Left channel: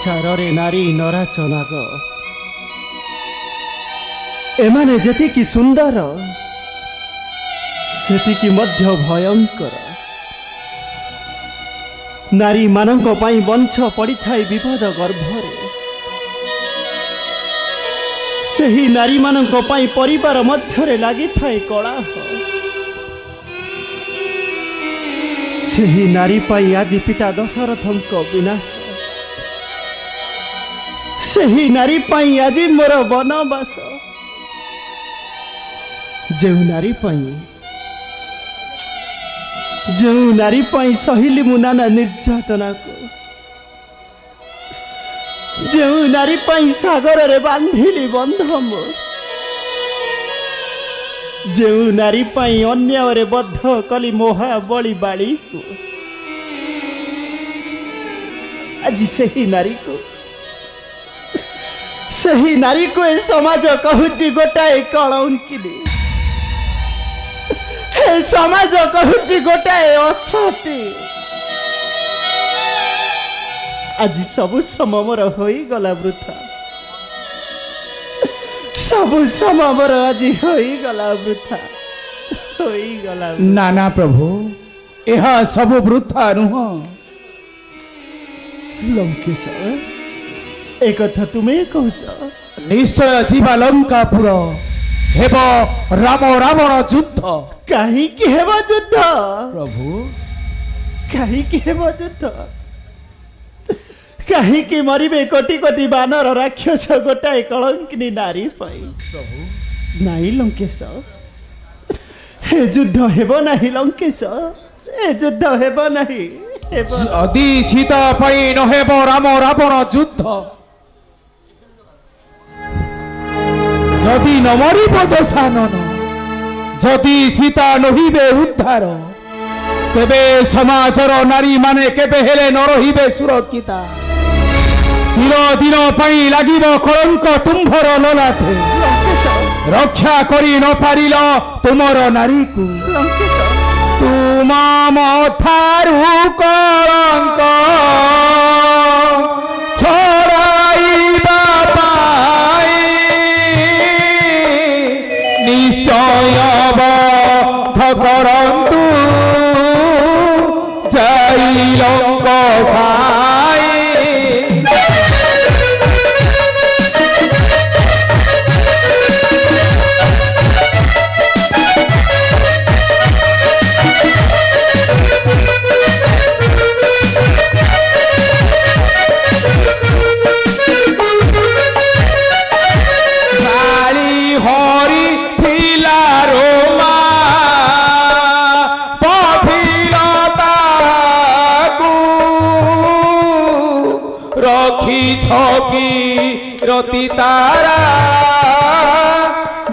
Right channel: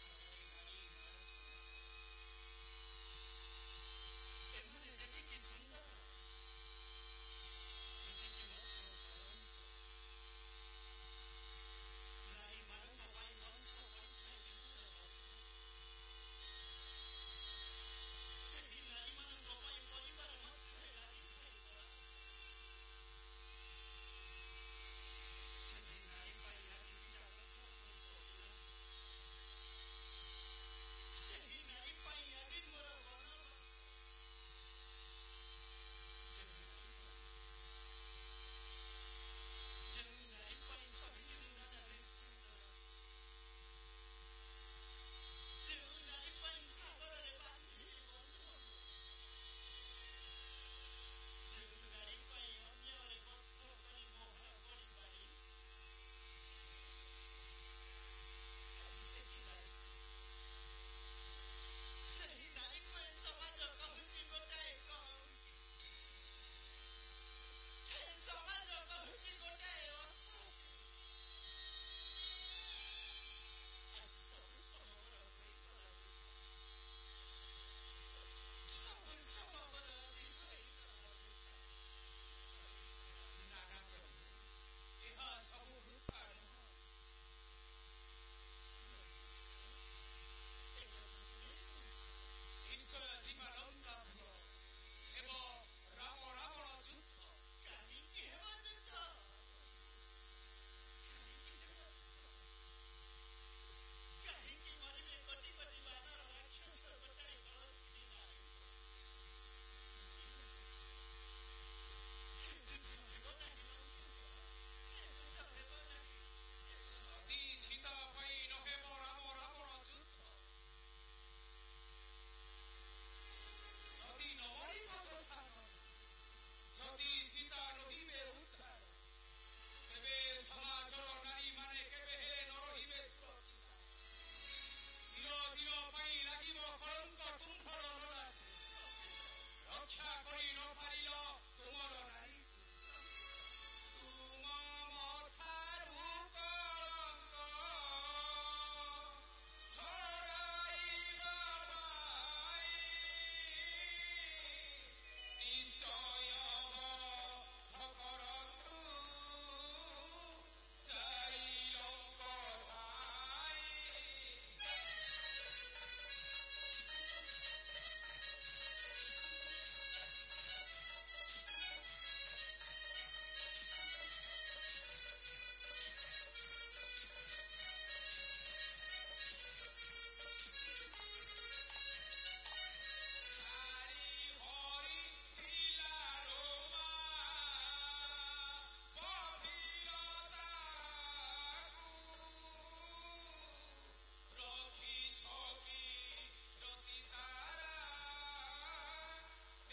संसार नारी नराचनाग एमाने जेतिकी सुंदर सेतिकी मध्य भयंकर नारी मानक पाई वंश पड़ी थाए विपद गर्भरे सही नारी मानक पाई परिवार मध्यरे लगी थाए कलह सही नारी पाई आज पिता दशरथंक विनाश सही नारी पाई आज मोर वनवास जो नारी पाई सहिली मु नाना निर्यातना को जो नारी पाई सागर रे बांधिली बंधम जो नारी पाई अन्याय रे बद्ध कली महाबली बाड़ी को आज सही नारी को ए समाज कहूची गोटाए कलंकिनी ए समाज कहूची गोटाए असती आज सबु श्रम मोर होई गला वृथा सबु श्रम मोर आज होई गला वृथा नाना प्रभु यह सब वृथा नुह लंकेश एक कथा तुम्हें कहूच निश्चय जीवा लंकापुर हेब राम रावण युद्ध कहीं हेब युद्ध प्रभु कहीं हेब युद्ध कहीं मरबे कोटि कोटि बानर राक्षस गोटाए कलंकिनी नारी पाई प्रभु नाई लंकेश हे युद्ध हेब नहीं लंकेश ए युद्ध हेब नहीं यदि सीता पाई न हेब राम रावण युद्ध जदि न मरिब दशानन जदि सीता नहिबे उद्धार तेबे समाजर नारी माने केबे हेले न रहिबे सुरक्षिता चिरदिन पाई लागिब कलंक तुम्भर ललाटे रक्षा करी न पारिल तुमर नारी को तुम मथारु कलंक छड़ाइबा पाई निश्चय बध करंतु जय लंक साई रति तारा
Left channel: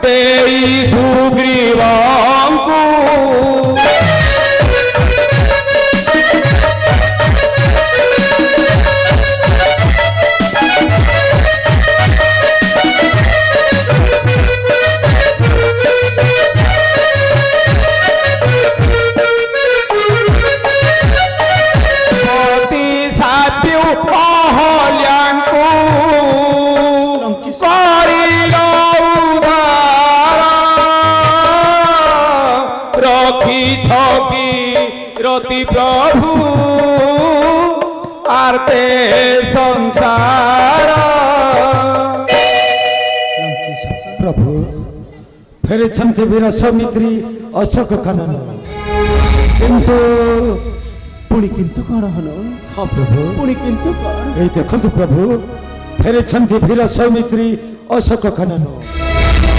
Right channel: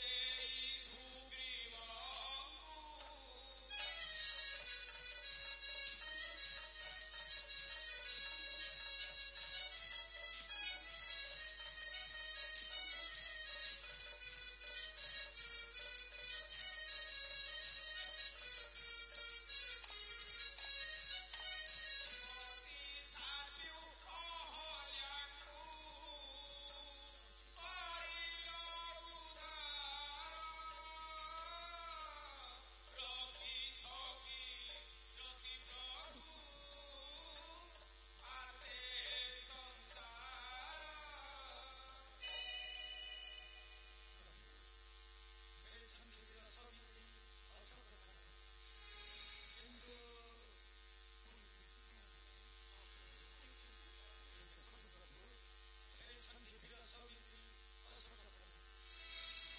देई सुग्रीवंकु प्रभु आरते संसार प्रभु फेरे छंते वीर सौमित्री अशोक कानन किंतु पुणी किंतु कौन हलो हाँ प्रभु पुणी किंतु कौन ए देखंतु प्रभु फेरे छंते वीर सौमित्री अशोक कानन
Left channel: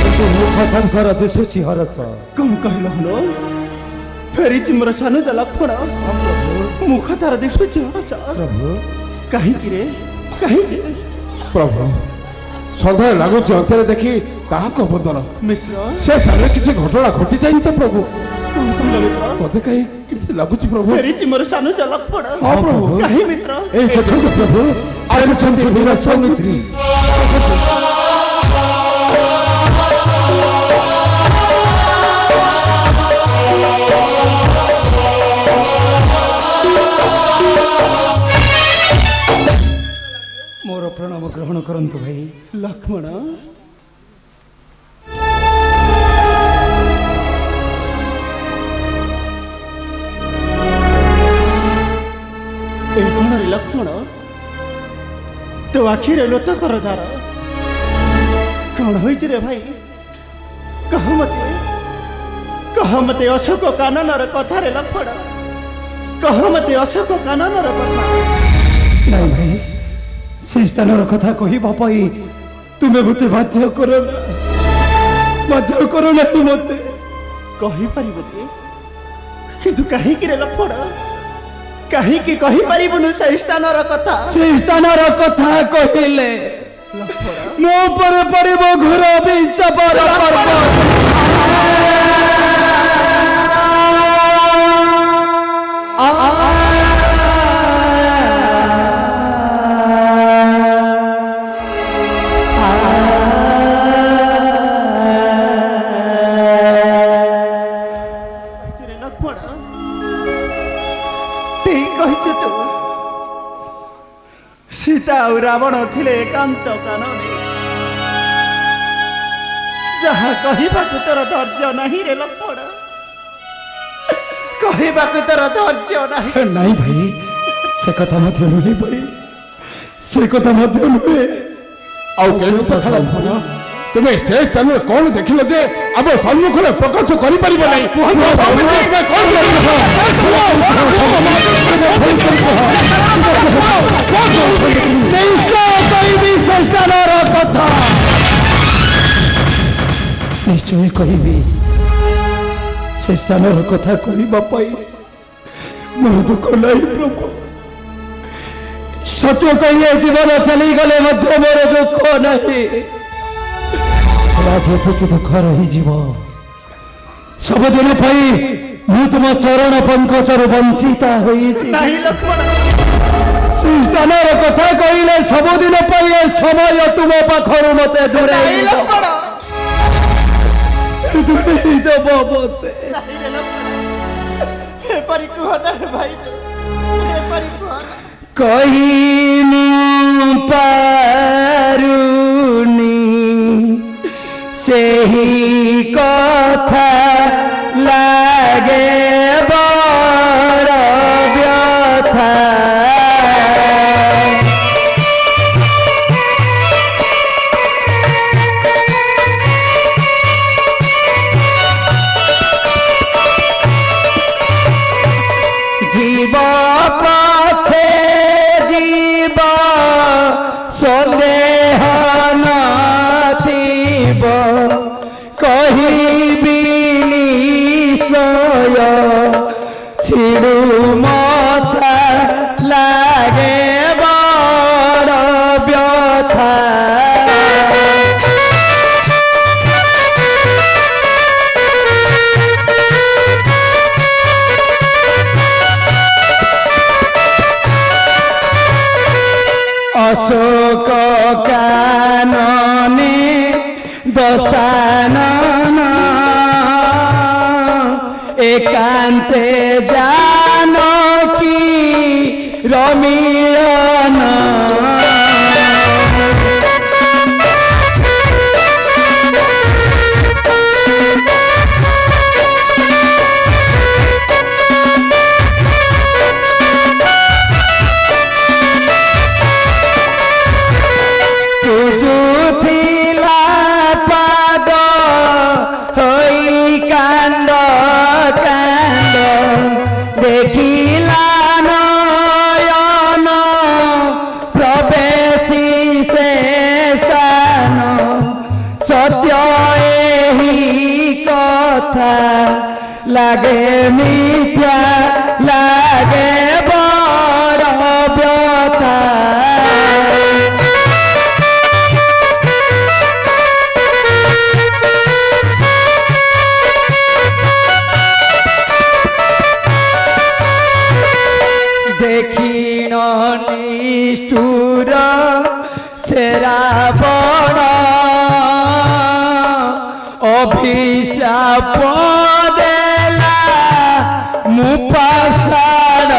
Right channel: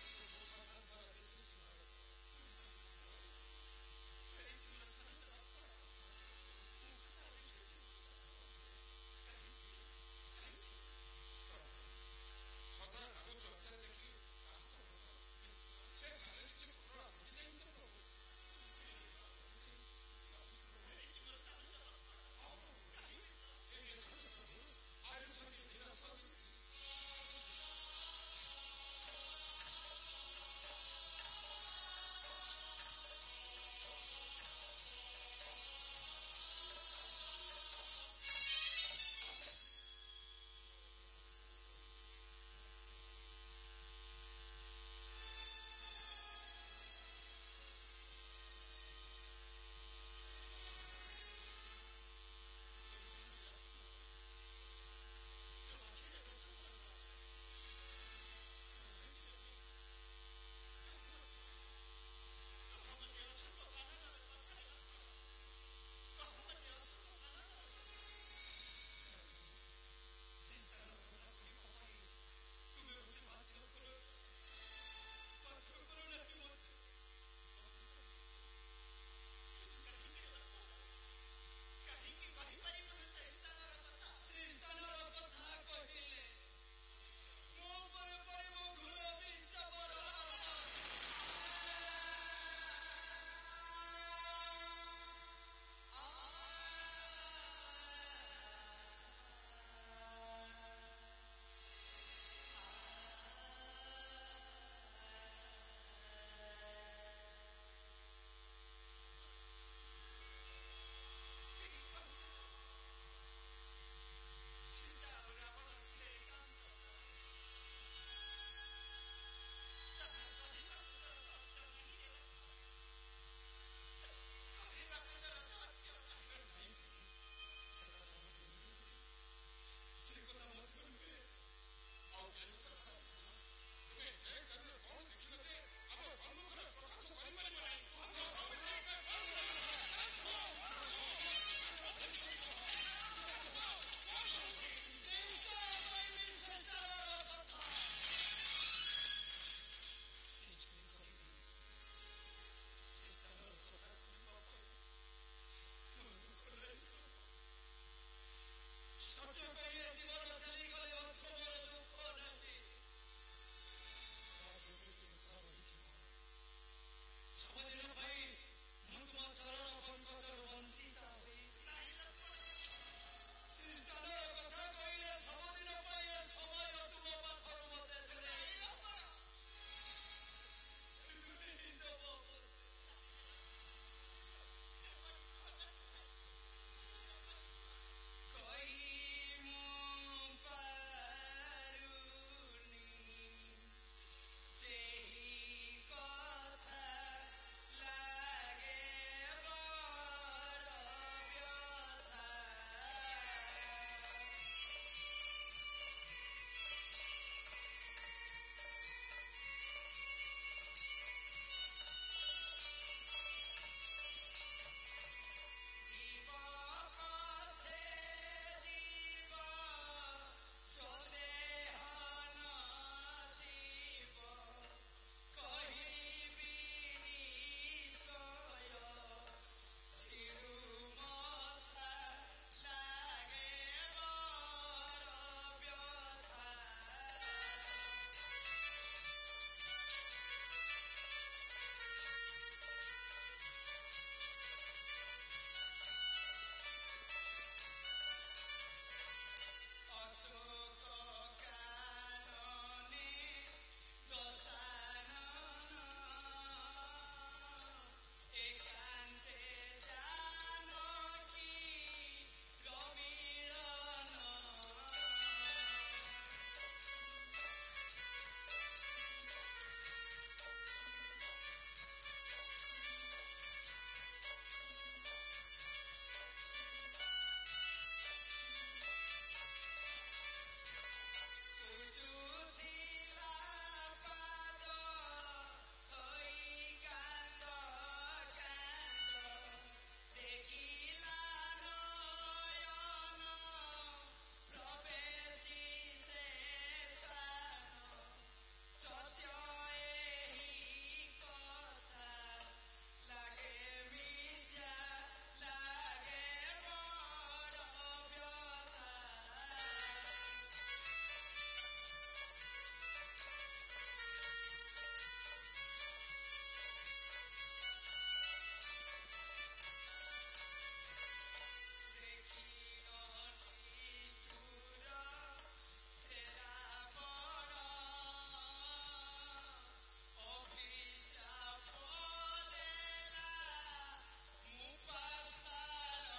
किंतु मुख तांकर दिसुची हरस कम कहलो हलो फेरी मोर सानु लक्ष्मण मुख तार दिशुची हरस प्रभु कहीं प्रभु सदा लगुच अंतर देखी कहा बंधन मित्र से सारे किसी घटना घटी जाए तो प्रभु कौन कहलो मित्र मते कहीं किसी लगुच प्रभु फेरी मोर सानु लक्ष्मण हाँ प्रभु कहीं मित्र ए देखंतु प्रभु आज छंते वीर सौमित्री प्रणाम ग्रहण करंतु भाई। लक्ष्मण लक्ष्मण तो आखिरे लोतकर धार कौन हो रे भाई कह मते अशोक काननर कथा रे लक्ष्मण कह मते अशोक काननर कथा नहीं भाई से स्थानर कथा कहबा पाई तुमे मते बाध्य करो ना मते कहि परिबो किंतु काहे कि रे लक्ष्मण कहीं की कही परिबुनु से स्थानर कथा कहिले मो पर पड़िबो घोर विषपर सीता और रावण थिले एकांत कानने जहाँ कहबाकू तोर धैर्य नहीं रे लक्ष्मण कहबाकू तोर धैर्य नहीं नहीं भाई से कथा मध्य नुहे भाई से कथा मध्य नुहे आउ केनु कथा लक्ष्मण तुमे से तनु कोन देखिलो जे अब सम्मुख रे प्रकाश करि परिबो नै निश्चय कहबी से स्थानर कथा कहबा पाई मोर दुख नहीं प्रभु सत्य कहिए जीवन चली गले मध्य मोर दुख नहीं राजनीति दुख रही जीव सबदिन पाई मु तुम चरण पंकजर वंचिता स्थानर कथा कहले सबदिन पाई समय तुम पाखर मत दूरे कही पारुनी से ही कथा लागे बड़ व्यथा जीव पाछे जीव सन्देह नथिब कहिबी निश्चय छिड़ू मथा लागे बड़ व्यथा अशोक कानने दशानन एकांते जानकी रमिलन लागे मिथ्या लागे बड़ व्यथा देखिण निष्ठुर से रावण अभिशाप मुपासार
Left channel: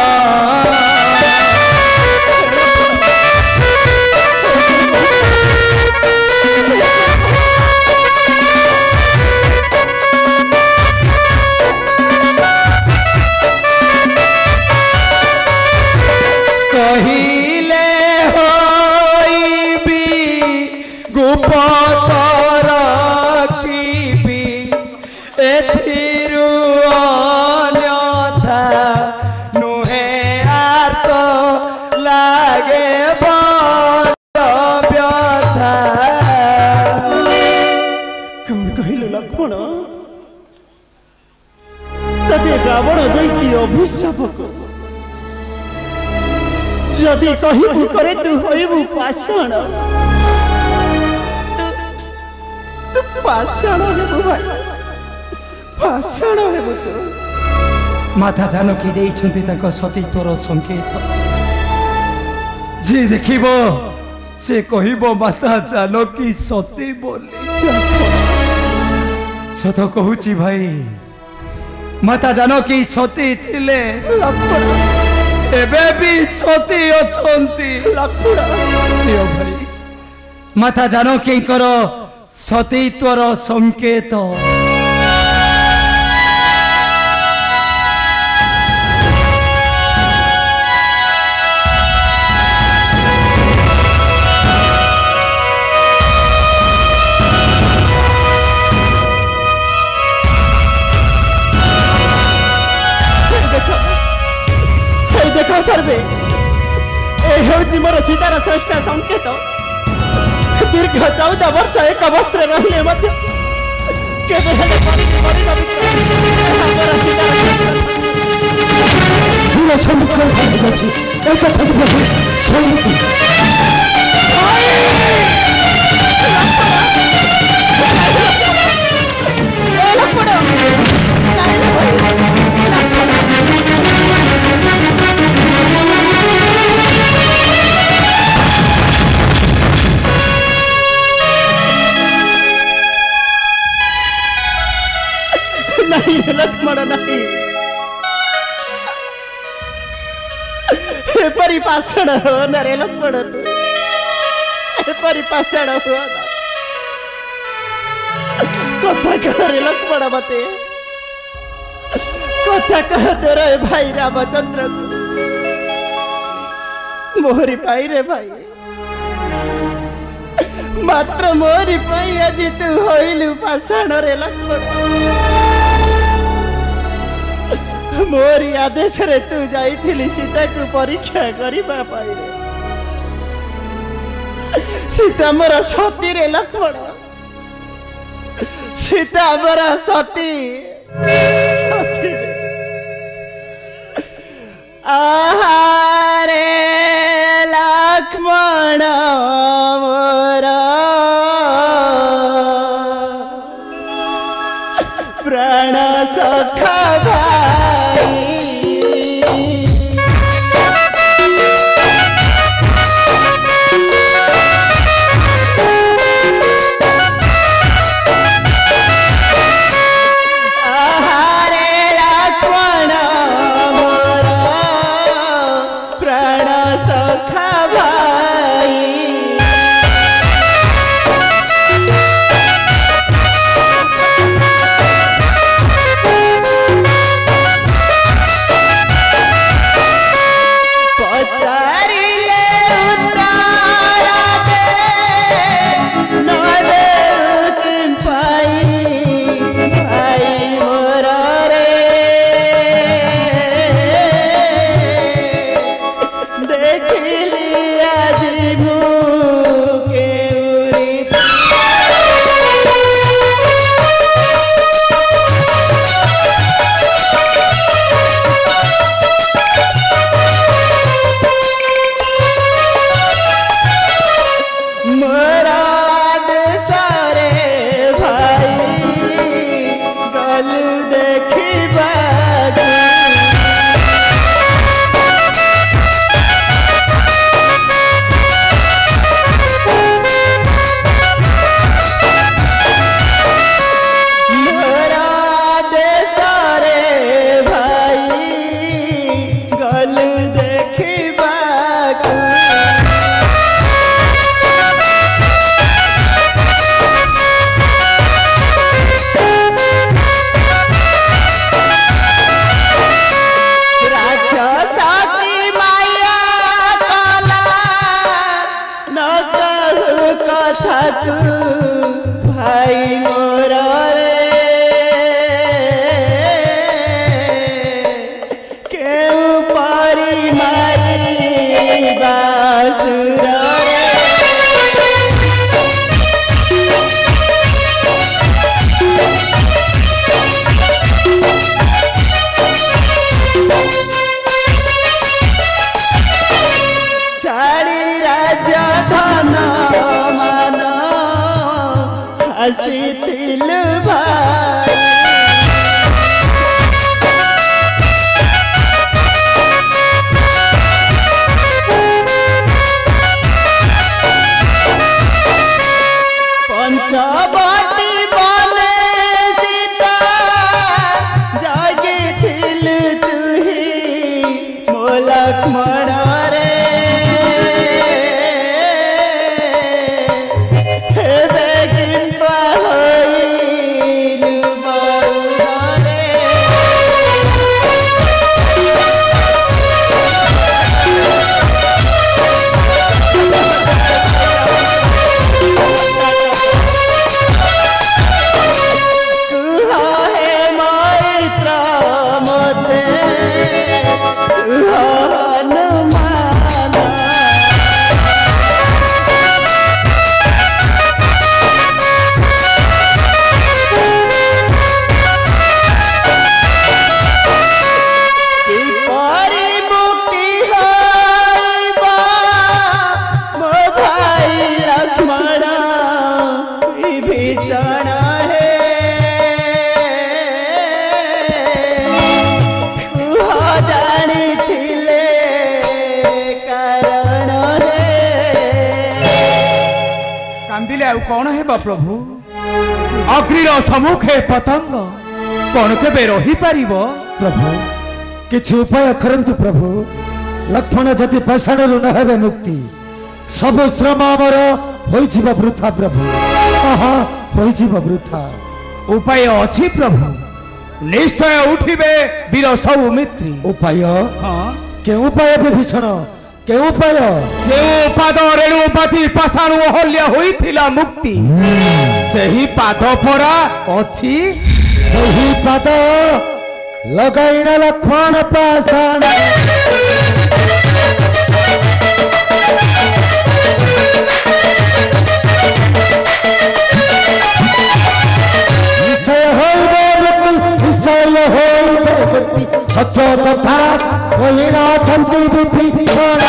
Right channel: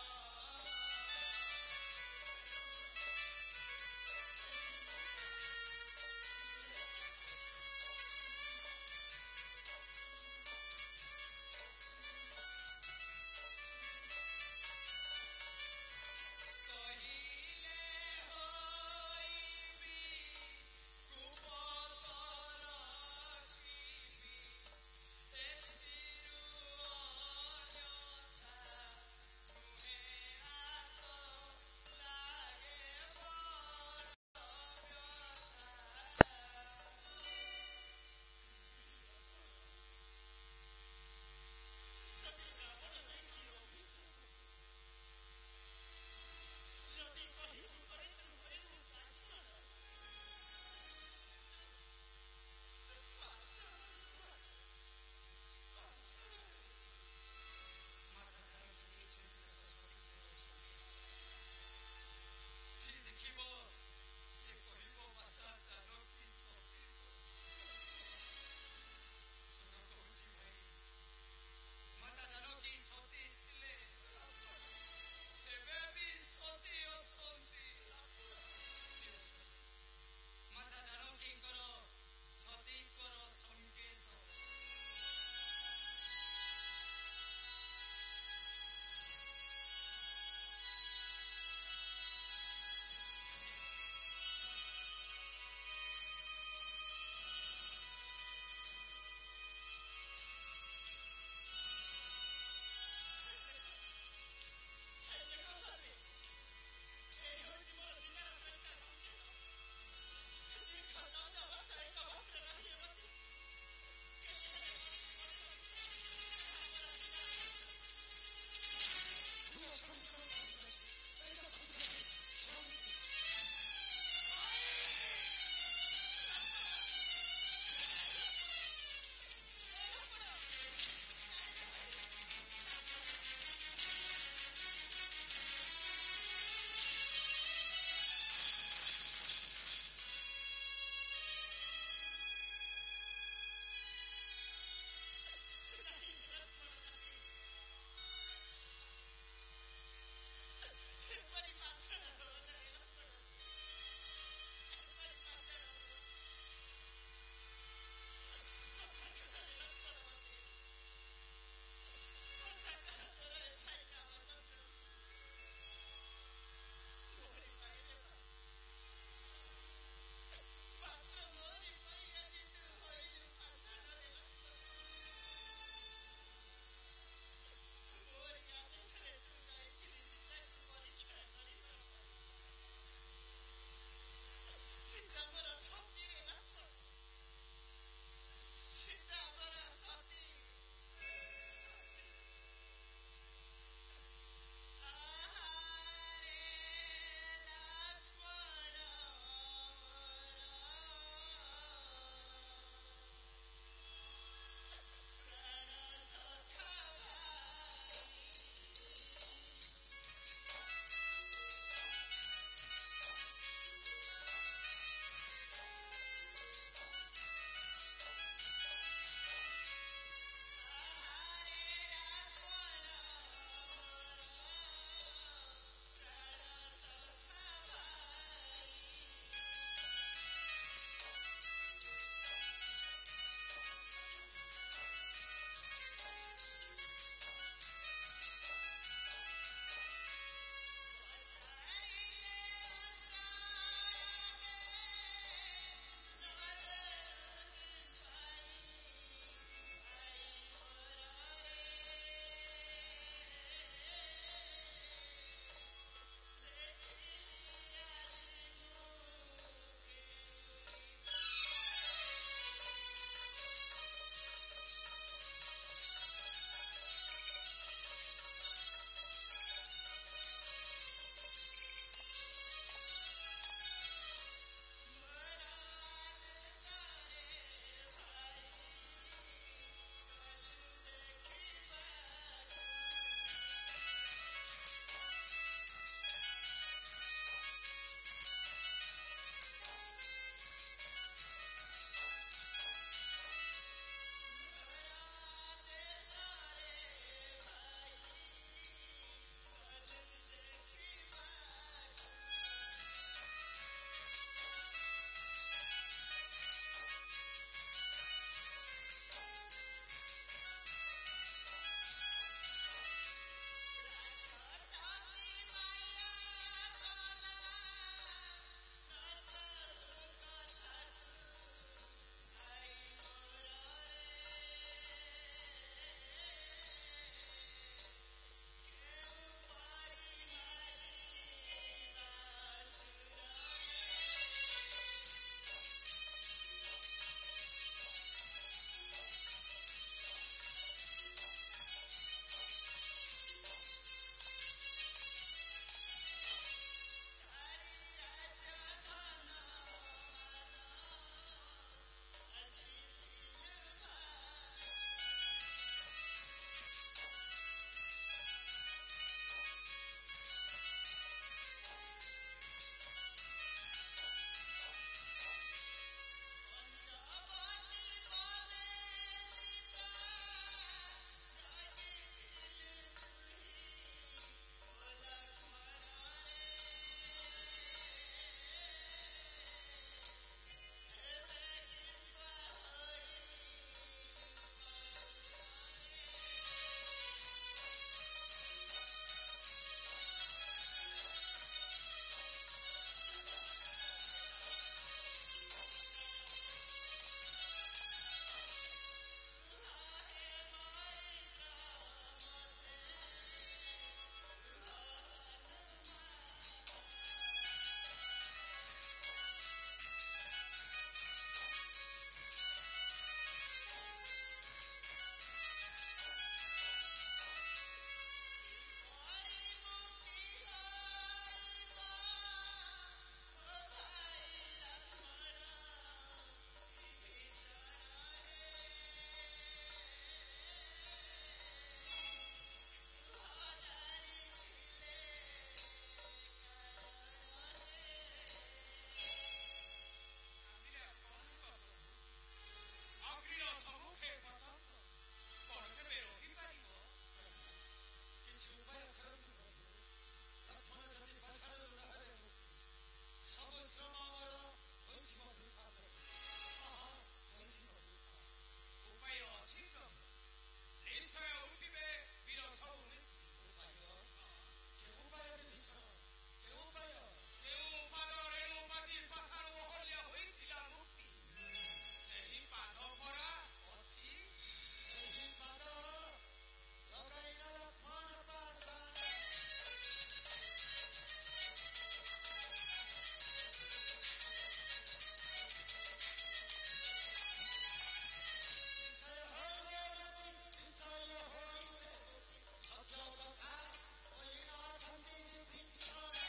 तते रावण दैची अभिशाप को जदि कहबू करे तू होइबू पाषाण तू पाषाण हेबू भाई पाषाण हेबू तू माता जानकी देइछन्ति ताको सतीत्वर संकेत जे देखिबो से कहिबो माता जानकी सती बोली सत कहूची भाई माता जानकी सती थिले एबे भी सती अछंती प्रिय भाई माता जानकी करो सतीत्वर संकेत देखो सर्वे मोर सीतार श्रेष्ठ संकेत दीर्घ 14 वर्ष एक वस्त्र रहिले नहीं लक्ष्मण नहीं परिपाषण हो न रे लक्ष्मण परिपाषण हो कथा कह रे लक्ष्मण मते कथा कह दे रे भाई रामचंद्र मोहरी पाई रे भाई मात्र मोहरी पाई आज तू होइलु पाषाण रे लक्ष्मण मोरी आदेश रे तू जाइथिली सीता को परीक्षा करिबा पाई रे सीता मोरा सती रे लक्ष्मण सीता मोरा सती सती आहारे लक्ष्मण मोरा प्राण सखा कहले आ कौन हेबा प्रभु अग्निर सम्मुखे पतंग कौन केबे रही पारिबो प्रभु किछि उपाय करंतु प्रभु लक्ष्मण जति पाषाण रु न हेबे मुक्ति सब श्रम आमर होई जीव वृथा प्रभु आहा होई जीव वृथा उपाय अछि प्रभु निश्चय उठिबे वीर सौमित्री उपाय हां के उपाय विभीषण के उपाय से पाद रेणुपति पाषाण अहल्य होइथिला मुक्ति सही पाद परा अछि सही पाद लगाइना लक्ष्मण पाषाण सत्य कथा कहिना छन्ति विभीषण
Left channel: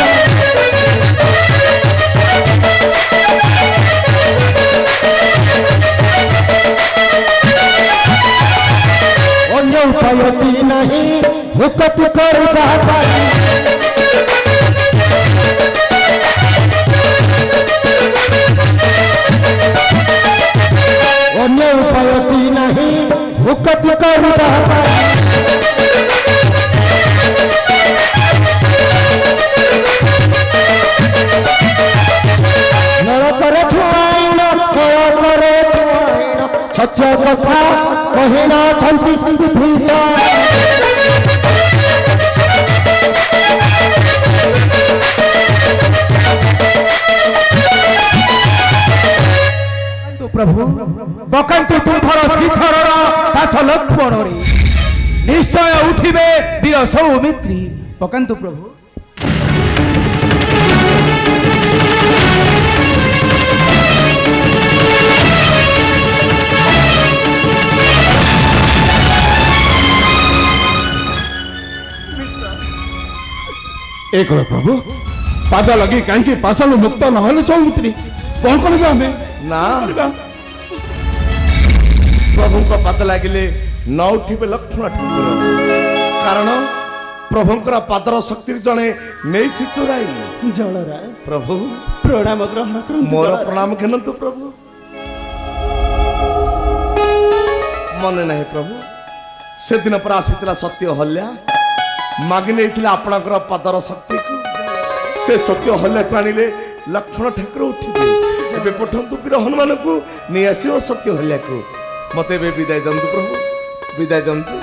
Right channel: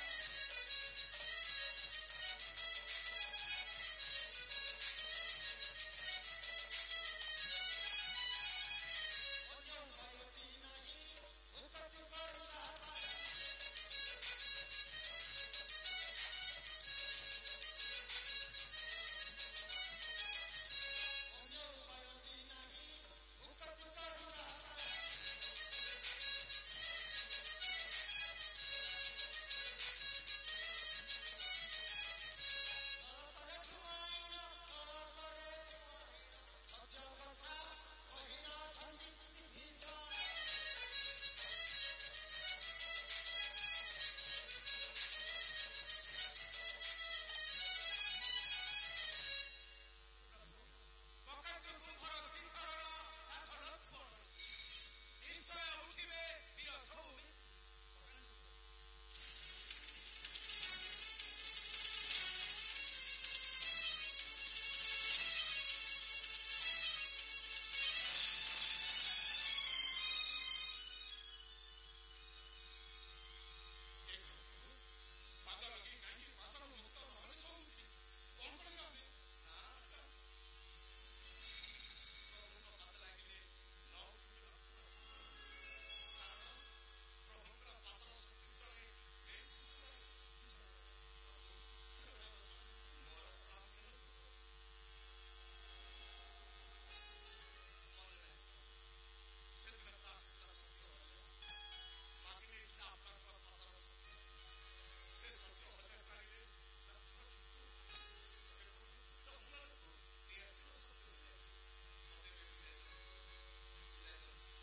अन्य उपायति नहीं हुकत करबा पाई अन्य उपायति नहीं हुकत करबा पाई सत्य कथा कहिना छन्ति विभीषण तो प्रभु बकंतु तुम्हार श्रीचरण दास लक्ष्मण रे निश्चय उठिबे वीर सौमित्री बकंतु प्रभु एक प्रभु पाद लगी कहीं पाषाण मुक्त नहले सौमित्री कौन कर ना प्रभु को पाद लगिले न उठिबे लक्ष्मण ठाकुर कारण प्रभुंकर पादर शक्ति जणे नेछि चोराई जलराय प्रभु प्रणाम ग्रहण करु मोर प्रणाम घेनतु प्रभु मन नहीं प्रभु से दिन पर आसीतला सत्य हल्या मागि नेथिला आपणकर पादर शक्ति को से सत्य हल्या प्राणीले लक्ष्मण ठाकुर उठिबे एबे पठंतु वीर हनुमान को नै आसीओ सत्य हल्या को मते बे विदाय दंतु प्रभु विदाय दंतु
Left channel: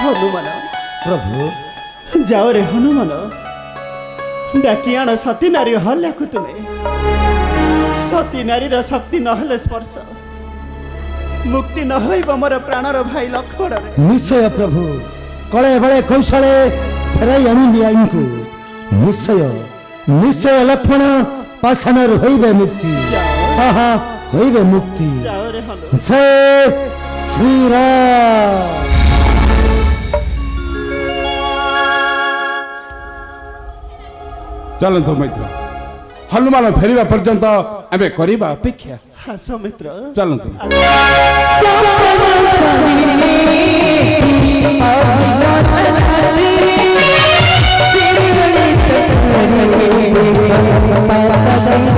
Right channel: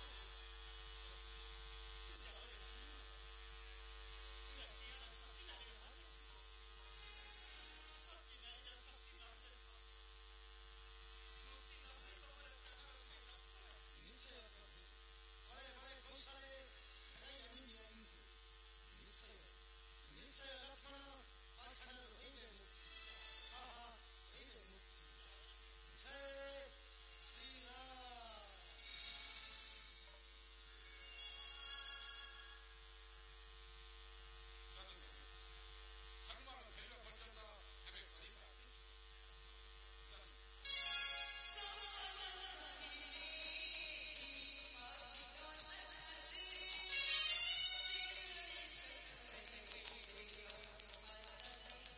हनुमान प्रभु जाओ रे हनुमान डाकी आण सती नारी हल्ला को तुम्हें सती नारी रा शक्ति नहले स्पर्श मुक्ति न होइब मोर प्राणर भाई लक्ष्मण निश्चय प्रभु कळे बळे कौशले फेराई आनी नियाईको निश्चय निश्चय लक्ष्मण पाषाण होइबे मुक्ति हा हा होइबे मुक्ति जय श्री राम चलतु मित्र हनुमान फेरिबा पर्यंत आमे करिबा अपेक्षा हाँ सौमित्र चलतु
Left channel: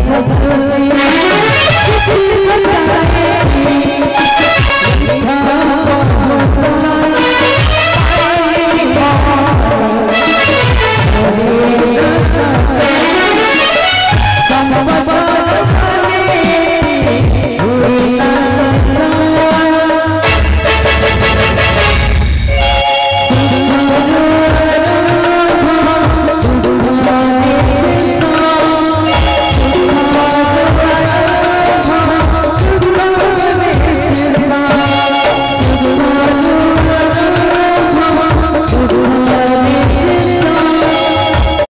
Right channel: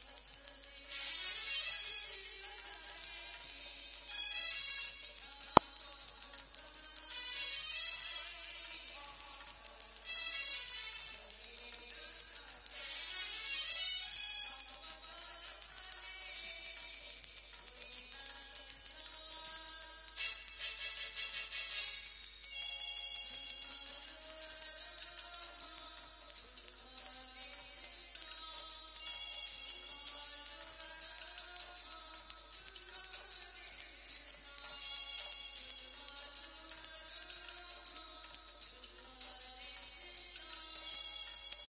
Thank you.